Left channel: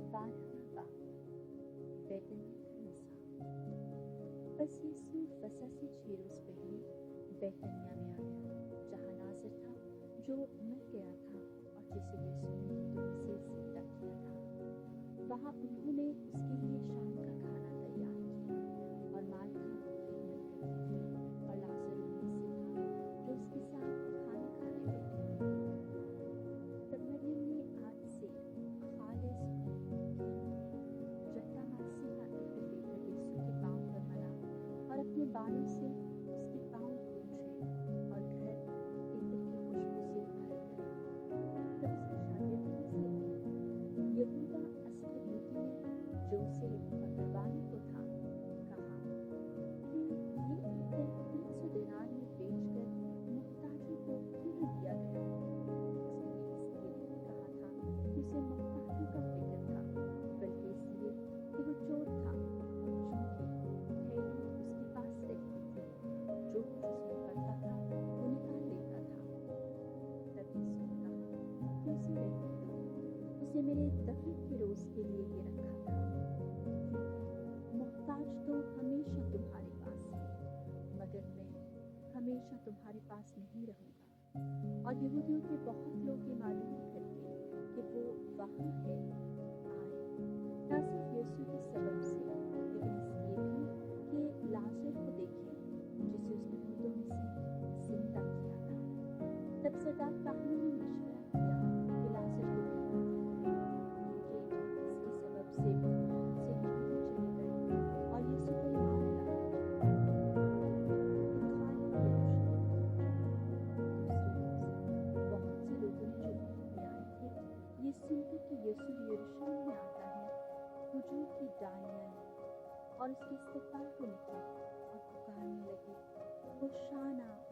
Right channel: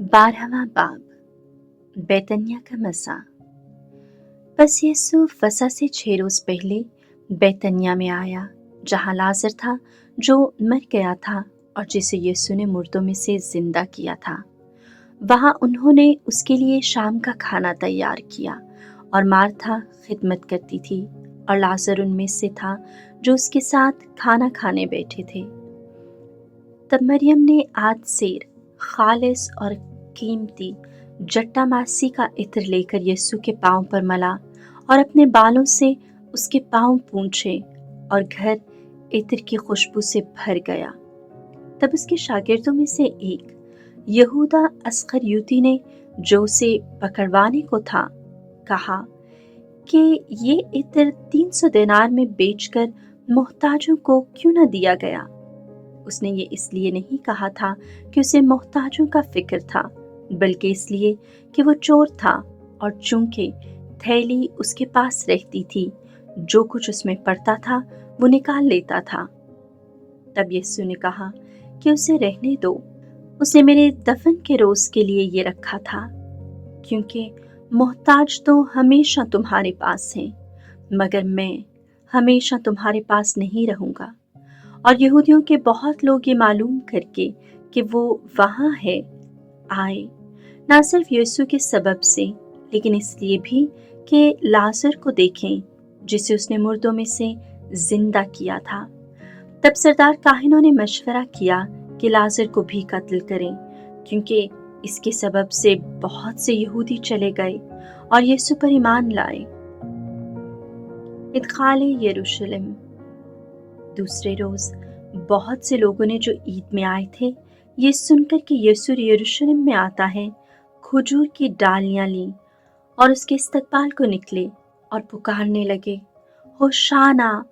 12वां बाब बैतनिया का मसा। बस यीशु फसह से 6 रोज पहले बैतनिया में आया, जहाँ लाजर था जो मर गया था और जिसे यीशु ने मुर्दों में से जिंदा किया था। वहाँ उन्होंने उसके लिए शाम का खाना तैयार किया और मार्था खिदमत करती थी और लाजर उनमें से था जो उसके साथ खाना खाने बैठे थे। तब मरियम ने आज सेर खालिस और कीमती जट्टामासी का इत्र लेकर यीशु के पांव पर मला और अपने बालों से उसके पांव पूंछे और घर इत्र की खुशबू से भर गया। तब उसके शागिर्दों में से एक यहूदा अस्करियोती ने, जो उसे पकड़वाने को था, कहा कि ये इत्र 300 दिनार में बेचकर मोहताजों को क्यों न दिया गया। उसने ये इसलिए नहीं कहा था कि उसे मोहताजों का फिक्र था, बल्कि इसलिए कि वो चोर था और चूंकि थैली उसके पास रहती थी, जो कुछ उसमें पड़ता था वो निकाल लेता था। तब यीशु ने कहा कि उसे रहने दो, उसने मेरे दफन के रोज के लिए ये रखा था, क्योंकि मोहताज तो हमेशा तुम्हारे पास हैं, मगर मैं हमेशा तुम्हारे पास नहीं रहूंगा। और यहूदियों के बहुत लोग ये मालूम करके कि वो वहाँ है आए, न सिर्फ यीशु के सबब से, लेकिन इसलिए भी कि लाजर को देखें जिसे उसने मुर्दों में से जिंदा किया था। तब सरदार काहिनों ने मशवरा किया कि लाजर को भी कत्ल करें, क्योंकि इसके सबब से बहुत से यहूदी चले गए और यीशु पर ईमान लाए। इदखाल यरूशलेम। दूसरे रोज बहुत से लोगों ने, जो ईद में आए थे, ये सुनकर कि यीशु यरूशलेम में आता है, खजूर की डालियां लीं और उसके इस्तकबाल को निकले और पुकारने लगे, होशाना,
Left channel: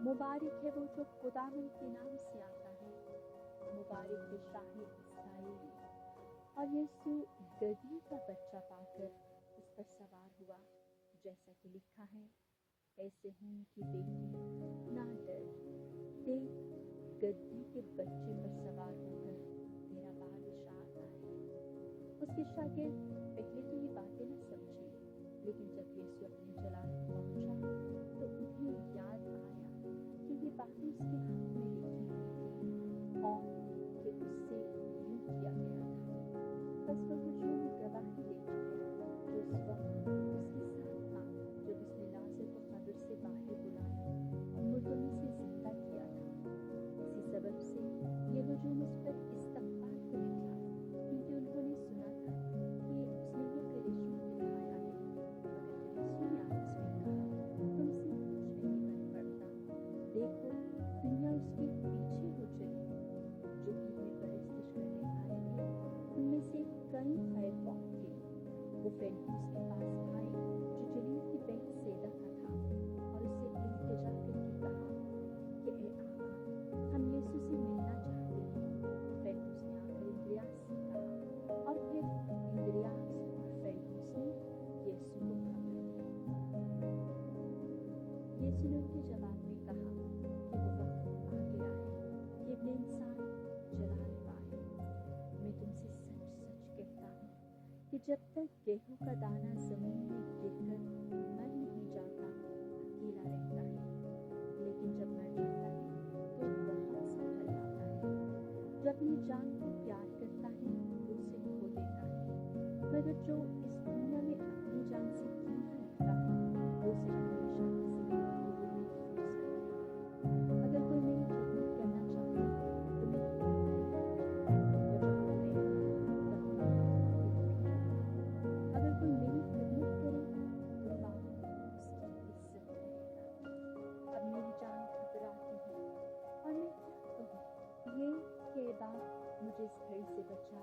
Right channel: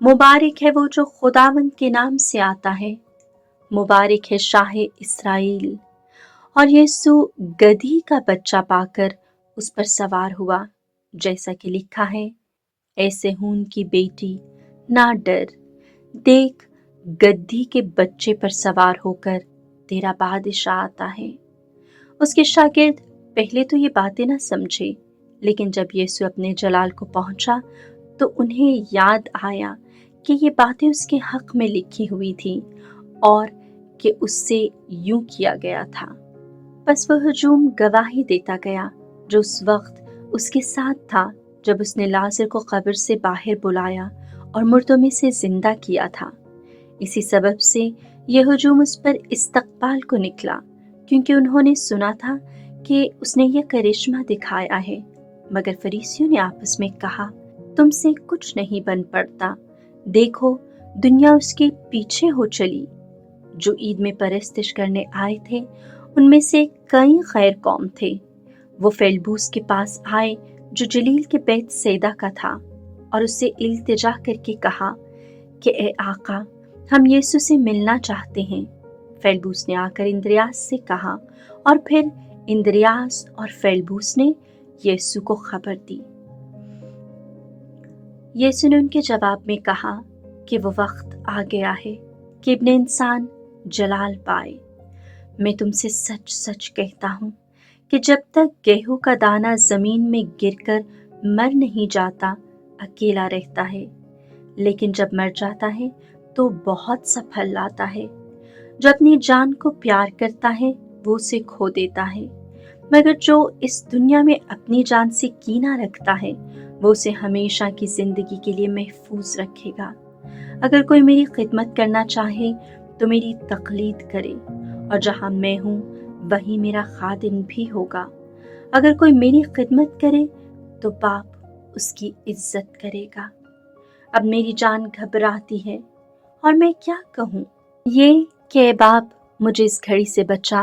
मुबारक है वो जो खुदावंद के नाम से आता है, मुबारक है शाह इस्राएल। और यीशु गधी का बच्चा पाकर उस पर सवार हुआ, जैसा कि लिखा है, ऐसे हून की बेटी ना डर, देख गद्दी के बच्चे पर सवार होकर तेरा बादशाह आता है। उसके शागिर्द पहले तो ये बातें ना समझे, लेकिन जब यीशु अपने जलाल को पहुंचा तो उन्हें याद आया कि ये बातें उसके हक में लिखी हुई थी और कि उससे यूं किया गया था। बस वह हुजूम गवाही देता गया जो उस वक्त उसके साथ था, जब उसने लाजर को कब्र से बाहर बुलाया और मुर्दों में से जिंदा किया था। इसी सबब से यह हुजूम उस पर इस्तकबाल को निकला, क्योंकि उन्होंने सुना था कि उसने यह करिश्मा दिखाया है। मगर फरीसियों ने आपस में कहा, तुमसे कुछ नहीं बन पड़ता, देखो दुनिया उसके पीछे हो चली। जो ईद में परस्तिश करने आए थे उनमें से कई गैर कौम थे। वो फेलबूस के पास आए, जो जलील के बैत सैदा का था, और उससे इल्तिजा करके कहा कि ए आका, हम यीशु से मिलना चाहते हैं। फेलबूस ने आकर इंद्रियास से कहा और फिर इंद्रियास और फेलबूस ने यीशु को खबर दी। यीशु ने उनके जवाब में कहा कि वो वक्त आ गया है कि इब्ने इंसान जलाल पाए। मैं तुमसे सच सच कहता हूँ कि जब तक गेहूं का दाना जमीन में गिरकर मर नहीं जाता, अकेला रहता है, लेकिन जब मर जाता है तो बहुत सा फल लाता है। जो अपनी जान को प्यार करता है वो उसे खो देता है, मगर जो इस दुनिया में अपनी जान से कीना रखता है वो उसे हमेशा की जिंदगी के लिए महफूज रखेगा। अगर कोई मेरी खिदमत करना चाहे तो मेरी तकलीद करे, और जहाँ मैं हूँ वहीं मेरा खादिम भी होगा। अगर कोई मेरी खिदमत करे तो बाप उसकी इज्जत करेगा। अब मेरी जान घबराती है और मैं क्या कहूँ ये कि बाप मुझे इस घड़ी से बचा,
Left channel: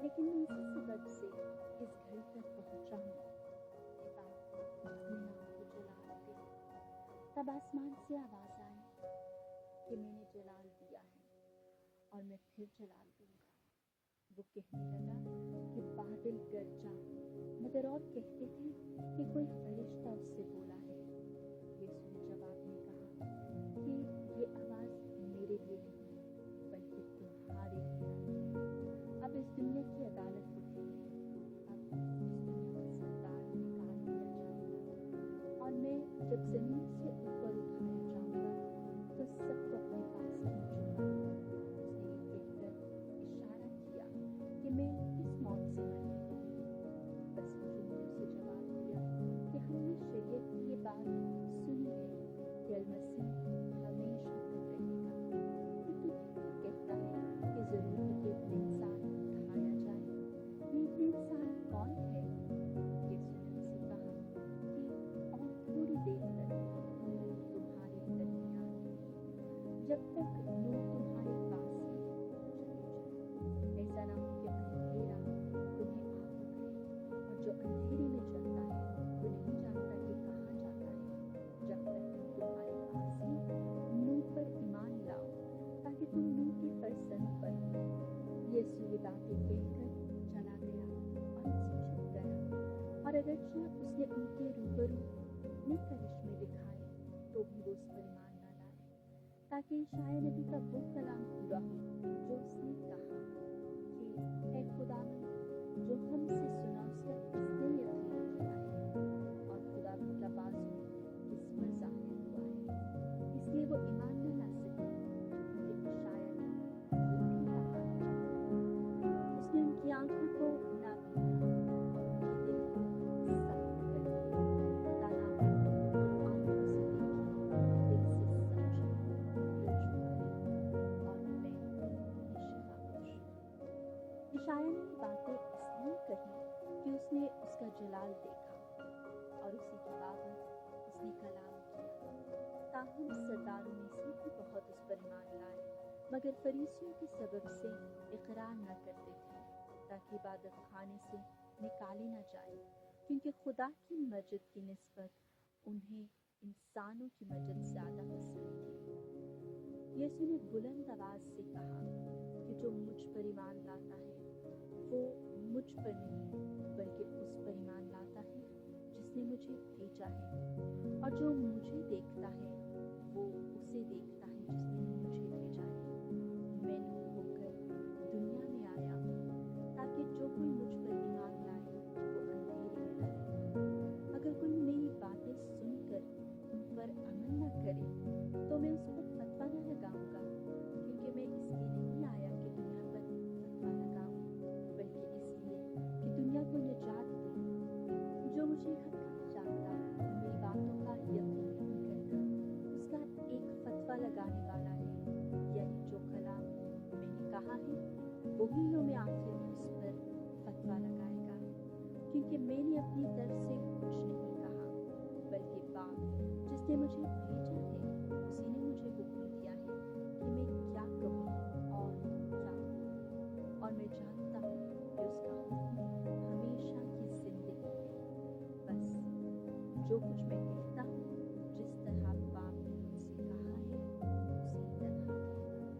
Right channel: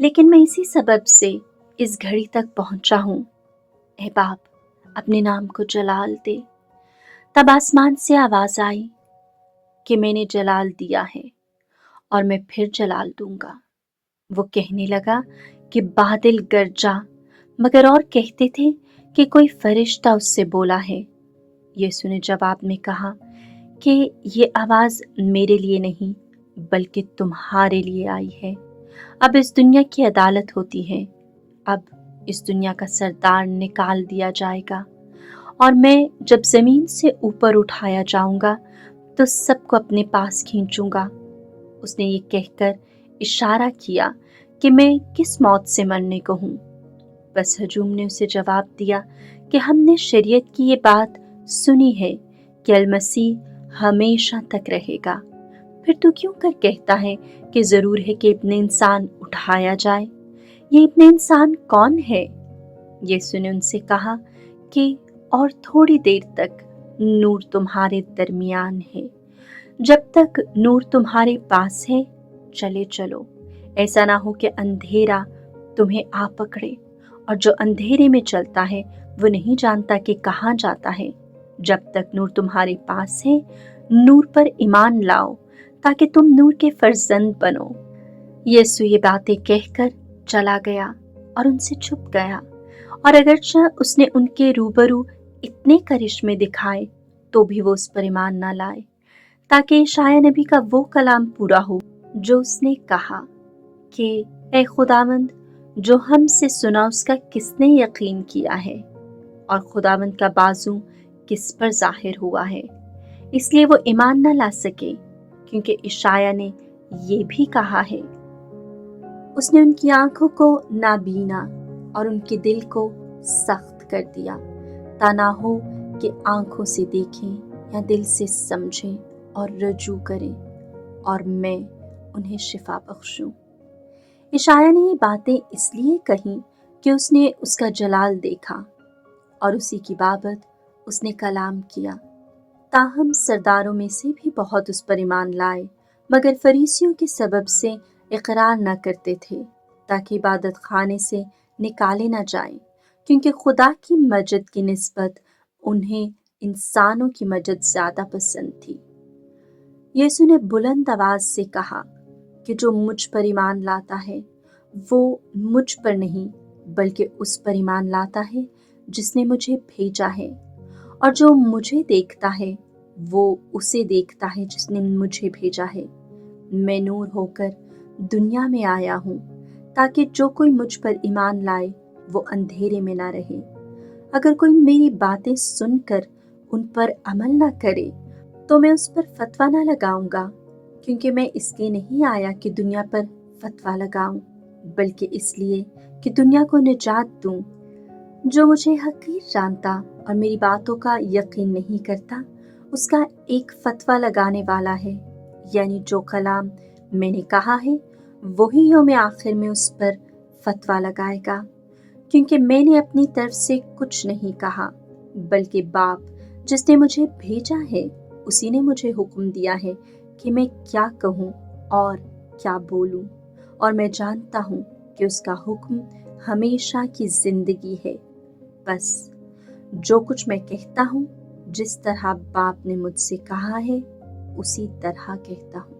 लेकिन मैं इसी सबब से इस घड़ी तक पहुंचा हूँ। ए बाप, अपने नाम को जलाल दे। तब आसमान से आवाज आई कि मैंने जलाल दिया है और मैं फिर जलाल दूंगा। वो कहने लगा कि बादल गरजा, मगर और कहते थे कि कोई फरिश्ता उससे बोला है। यीशु ने जवाब में कहा कि ये आवाज मेरे लिए नहीं बल्कि तुम्हारे लिए आई है। अब इस दुनिया की अदालत होती है। अब इस दुनिया का सरदार निकाल दिया जाएगा और मैं जब ज़मीन से ऊपर उठाया जाऊंगा तो सबको अपने पास खींचूंगा। उसने ये कहकर इशारा किया कि मैं किस मौत से मरने को हूँ। बस हजूम ने उसे जवाब दिया कि हमने शरीयत की ये बात सुनी है कि अल-मसीह हमेशा तक रहेगा, फिर तू क्यों कर कहता है कि ज़रूर है कि इब्ने इंसान उठाया जाए? ये इब्ने इंसान कौन है? यीशु ने उनसे कहा कि और थोड़ी देर तक नूर तुम्हारे दरमियान है। जब तक नूर तुम्हारे पास है, चले चलो, ऐसा ना हो कि अंधेरा तुम्हें आ पकड़े, और जो अंधेरे में चलता है वो नहीं जानता कि कहाँ जाता है। जब तक नूर तुम्हारे पास है, नूर पर ईमान लाओ ताकि तुम नूर के फर्जंद बनो। यीशु ये बातें कहकर चला गया और उनसे छुप गया, और अगरचे उसने उनके रूबरू इतने करिश्मे दिखाए तो भी वो उस पर ईमान न लाए, ताकि यशायाह नबी का वो कलाम पूरा हो जो उसने कहा कि ए खुदावंद, जो हमसे सुना उसका किसने यकीन किया है, और खुदावंद का बाजू किस पर जाहिर हुआ है। इसलिए वो ईमान न ला सके, क्योंकि यशायाह ने ये भी कहा है, उसने उनकी आंखों को नाबीना और उनके दिल को सख्त कर दिया, ता ना हो कि आंखों से देखें या दिल से समझें और रजू करें, और मैं उन्हें शिफा बख्शूं। यशायाह ने ये बातें इसलिए कही कि उसने उसका जलाल देखा और उसी की बाबत उसने कलाम किया। ताहम सरदारों में से भी बहुत उस पर ईमान लाए, मगर फरीसियों के सबब से इकरार न करते थे, ताकि इबादत खाने से निकाले न जाएं, क्योंकि खुदा की मस्जिद की निस्बत उन्हें इंसानों की मस्जिद ज़्यादा पसंद थी। यीशु ने बुलंद आवाज से कहा कि जो मुझ पर ईमान लाता है वो मुझ पर नहीं बल्कि उस पर ईमान लाता है जिसने मुझे भेजा है, और जो मुझे देखता है वो उसे देखता है जिसने मुझे भेजा है। मैं नूर होकर दुनिया में आया हूँ ताकि जो कोई मुझ पर ईमान लाए वो अंधेरे में ना रहे। अगर कोई मेरी बातें सुनकर उन पर अमल ना करे तो मैं उस पर फतवा ना लगाऊंगा, क्योंकि मैं इसलिए नहीं आया कि दुनिया पर फतवा लगाऊं, बल्कि इसलिए कि दुनिया को निजात दूं। जो मुझे हकीर जानता और मेरी बातों का यकीन नहीं करता, उसका एक फतवा लगाने वाला है, यानी जो कलाम मैंने कहा है वही यौम आखिर में उस पर फतवा लगाएगा, क्योंकि मैंने अपनी तरफ से कुछ नहीं कहा, बल्कि बाप जिसने मुझे भेजा है उसी ने मुझे हुक्म दिया है कि मैं क्या कहूँ और क्या बोलूँ, और मैं जानता हूँ कि उसका हुक्म हमेशा की जिंदगी है। बस जो कुछ मैं कहता हूँ, जिस तरह बाप ने मुझसे कहा है उसी तरह कहता हूँ।